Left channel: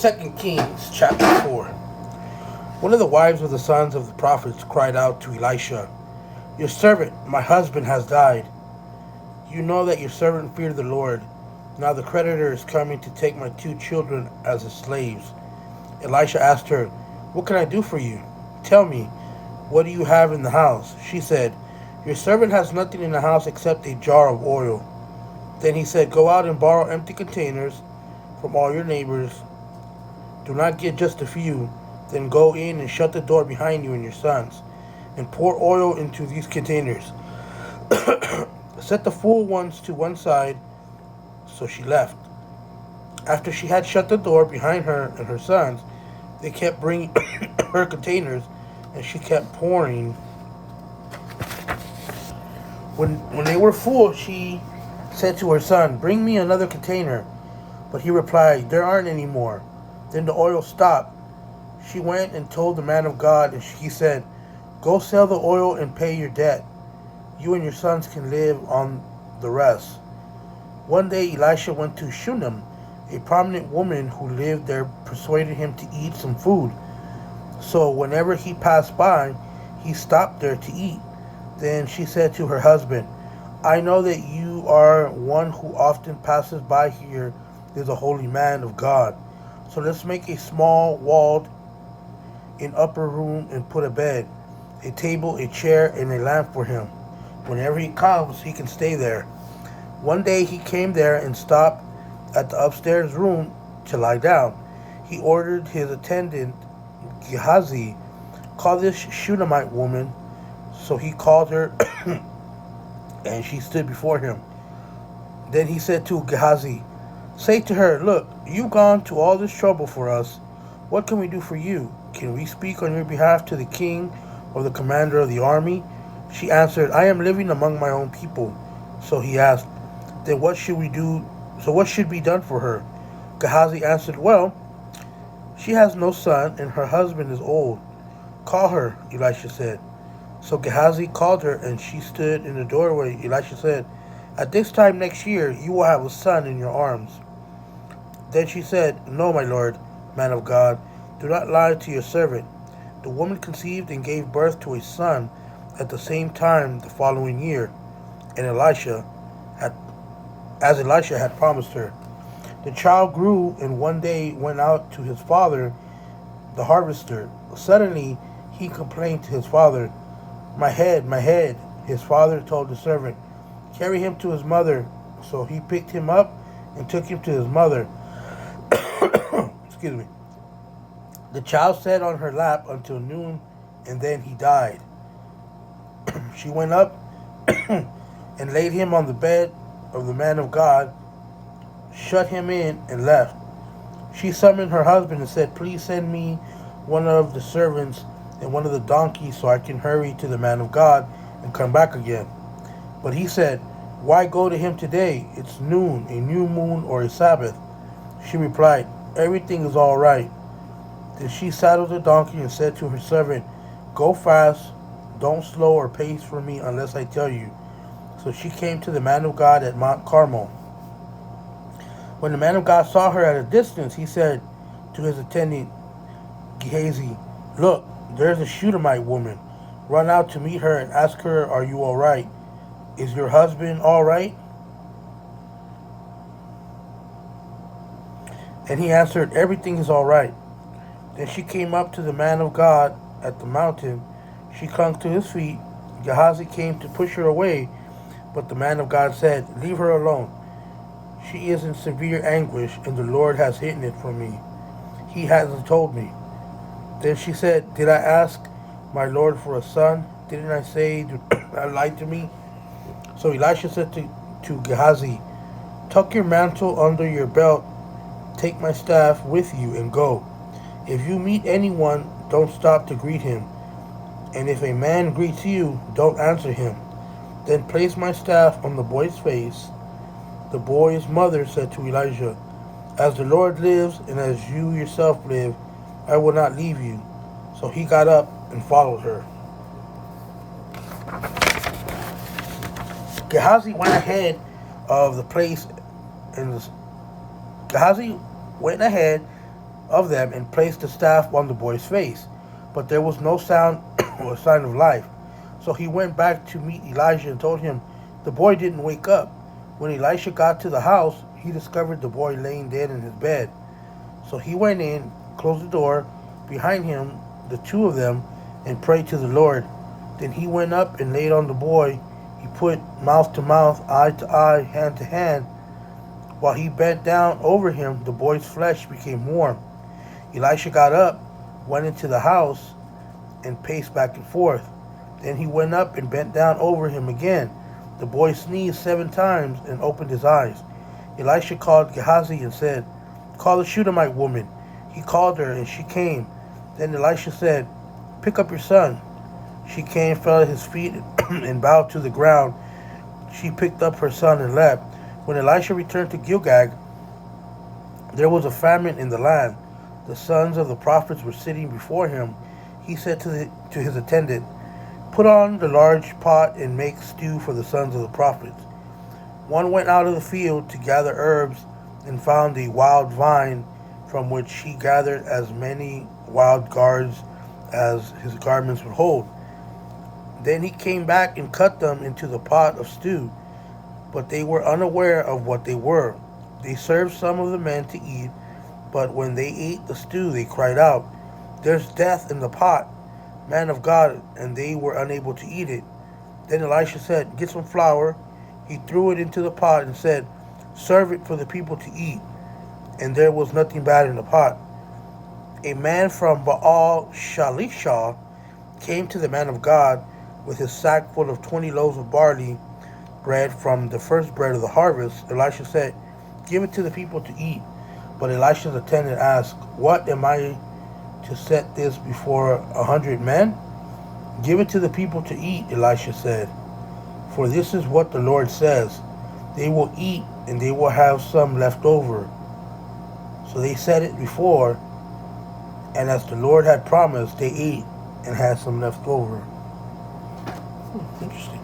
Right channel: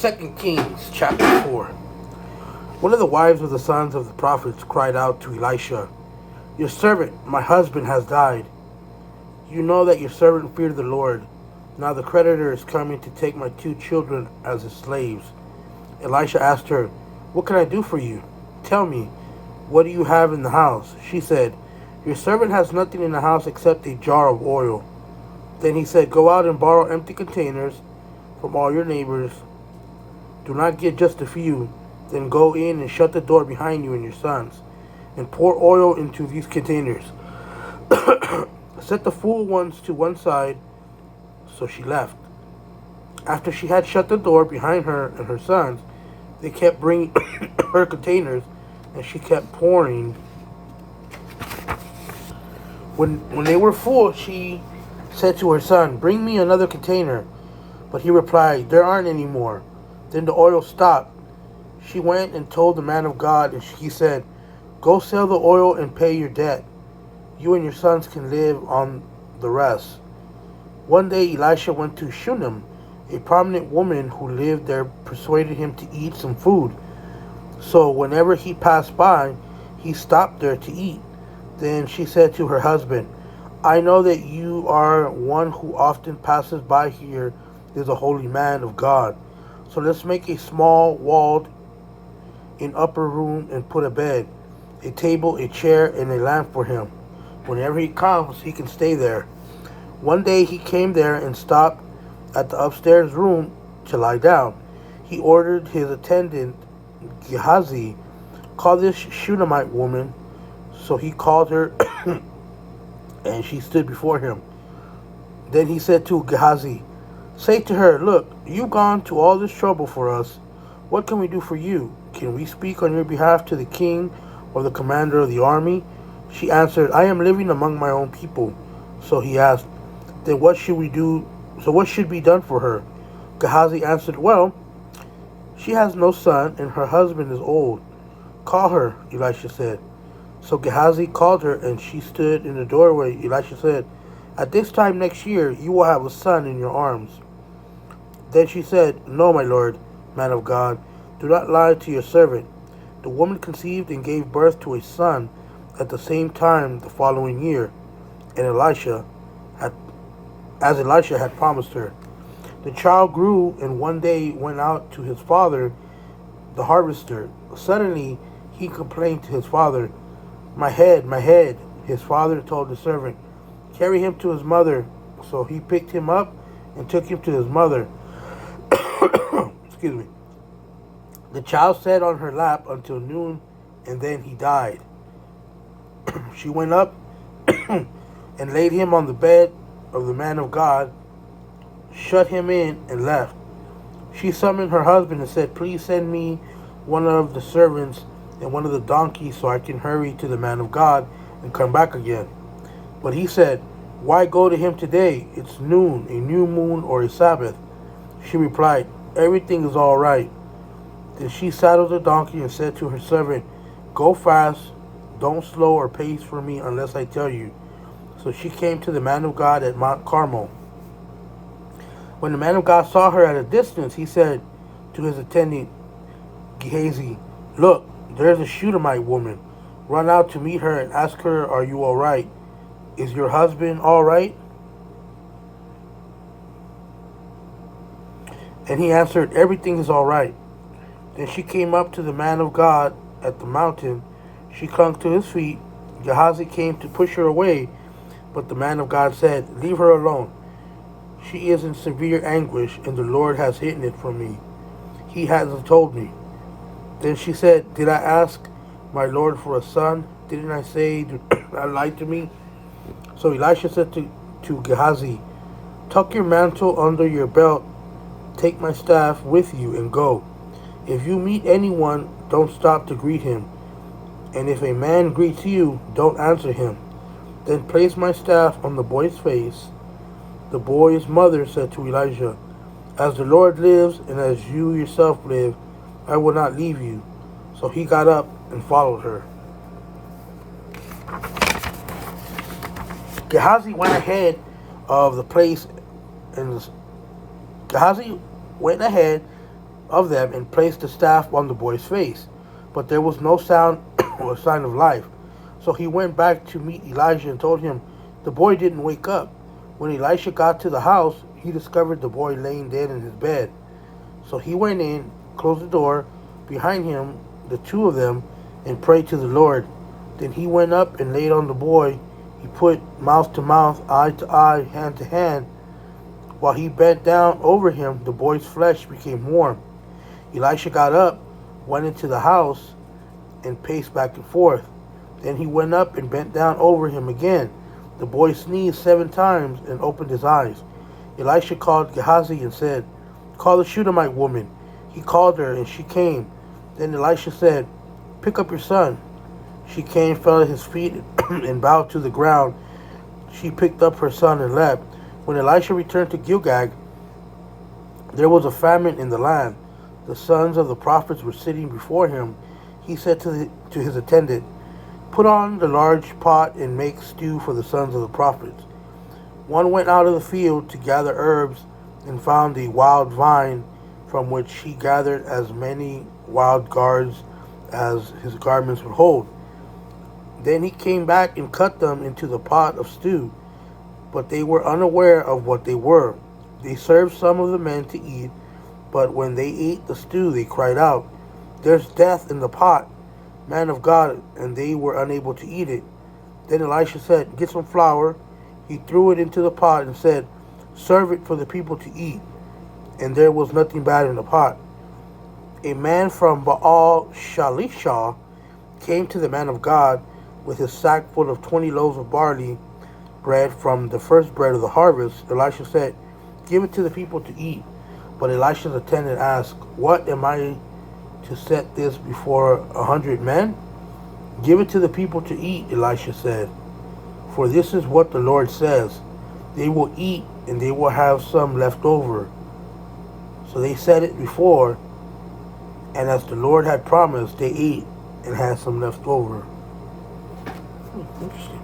2 Kings chapter 4. One of the wives of the sons of the prophets cried out to Elisha, "Your servant, my husband, has died. You know that your servant feared the Lord. Now the creditor is coming to take my 2 children as his slaves." Elisha asked her, "What can I do for you? Tell me, what do you have in the house?" She said, "Your servant has nothing in the house except a jar of oil." Then he said, "Go out and borrow empty containers from all your neighbors. Do not get just a few. Then go in and shut the door behind you and your sons, and pour oil into these containers. Set the full ones to one side." So she left. After she had shut the door behind her and her sons, they kept bringing her containers, and she kept pouring. When they were full, she said to her son, "Bring me another container." But he replied, "There aren't any more." Then the oil stopped. She went and told the man of God, and he said, "Go sell the oil and pay your debt. You and your sons can live on the rest." One day Elisha went to Shunem. A prominent woman who lived there persuaded him to eat some food. So whenever he passed by, he stopped there to eat. Then she said to her husband, "I know that you are one who often passes by here is a holy man of God. So let's make a small walled in upper room and put a bed, a table, a chair, and a lamp for him. Whenever he comes, he can stay there." One day he came there and stopped at the upstairs room to lie down. He ordered his attendant, Gehazi, "Call this Shunammite woman." So he called her, and she stood before him. Then he said to Gehazi, "Say to her, 'Look, you've gone to all this trouble for us. What can we do for you? Can we speak on your behalf to the king or the commander of the army?" She answered, "I am living among my own people." So he asked, "Then what should we do? So what should be done for her?" Gehazi answered, "Well, she has no son, and her husband is old." "Call her," Elisha said. So Gehazi called her, and she stood in the doorway. Elisha said, "At this time next year, you will have a son in your arms." Then she said, "No, my lord, man of God, do not lie to your servant." The woman conceived and gave birth to a son at the same time the following year, and Elisha had promised her. The child grew and one day went out to his father, the harvester. Suddenly he complained to his father, my head, my head." His father told the servant, "Carry him to his mother." So he picked him up and took him to his mother. Excuse me. The child sat on her lap until noon, and then he died. She went up and laid him on the bed of the man of God, shut him in, and left. She summoned her husband and said, "Please send me one of the servants and one of the donkeys so I can hurry to the man of God and come back again." But he said, "Why go to him today? It's noon, a new moon, or a Sabbath." She replied, "Everything is all right." Then she saddled the donkey and said to her servant, "Go fast, don't slow or pace for me unless I tell you." So she came to the man of God at Mount Carmel. When the man of God saw her at a distance, he said to his attendant Gehazi, "Look, there's a Shunammite woman. Run out to meet her and ask her, 'Are you all right? Is your husband all right?'" And he answered, "Everything is all right." Then she came up to the man of God at the mountain. She clung to his feet. Gehazi came to push her away, but the man of God said, "Leave her alone. She is in severe anguish, and the Lord has hidden it from me. He hasn't told me." Then she said, "Did I ask my Lord for a son? Didn't I say, 'Do not lie to me'?" So Elisha said to Gehazi, "Tuck your mantle under your belt, take my staff with you, and go. If you meet anyone, don't stop to greet him. And if a man greets you, don't answer him. Then place my staff on the boy's face." The boy's mother said to Elijah, "As the Lord lives, and as you yourself live, I will not leave you." So he got up and followed her. Gehazi went ahead of the place, and Gehazi went ahead of them and placed the staff on the boy's face. But there was no sound or sign of life. So he went back to meet Elijah and told him the boy didn't wake up. When Elisha got to the house, he discovered the boy laying dead in his bed. So he went in, closed the door behind him, the two of them, and prayed to the Lord. Then he went up and laid on the boy. He put mouth to mouth, eye to eye, hand to hand. While he bent down over him, the boy's flesh became warm. Elisha got up, went into the house, and paced back and forth. Then he went up and bent down over him again. The boy sneezed 7 times and opened his eyes. Elisha called Gehazi and said, "Call the Shunammite woman." He called her, and she came. Then Elisha said, "Pick up your son." She came, fell at his feet, and bowed to the ground. She picked up her son and left. When Elisha returned to Gilgal, there was a famine in the land. The sons of the prophets were sitting before him. He said to his attendant, "Put on the large pot and make stew for the sons of the prophets." One went out of the field to gather herbs and found a wild vine, from which he gathered as many wild gourds as his garments would hold. Then he came back and cut them into the pot of stew, but they were unaware of what they were. They served some of the men to eat, but when they ate the stew, they cried out, "There's death in the pot, man of God," and they were unable to eat it. Then Elisha said, "Get some flour." He threw it into the pot and said, "Serve it for the people to eat." And there was nothing bad in the pot. A man from Baal Shalishah came to the man of God with his sack full of 20 loaves of barley bread from the first bread of the harvest. Elisha said, "Give it to the people to eat." But Elisha's attendant asked, "What, am I to set this before 100 men?" "Give it to the people to eat," Elisha said. "For this is what the Lord says, they will eat and they will have some left over." So they set it before, and as the Lord had promised, they ate and had some left over. Interesting.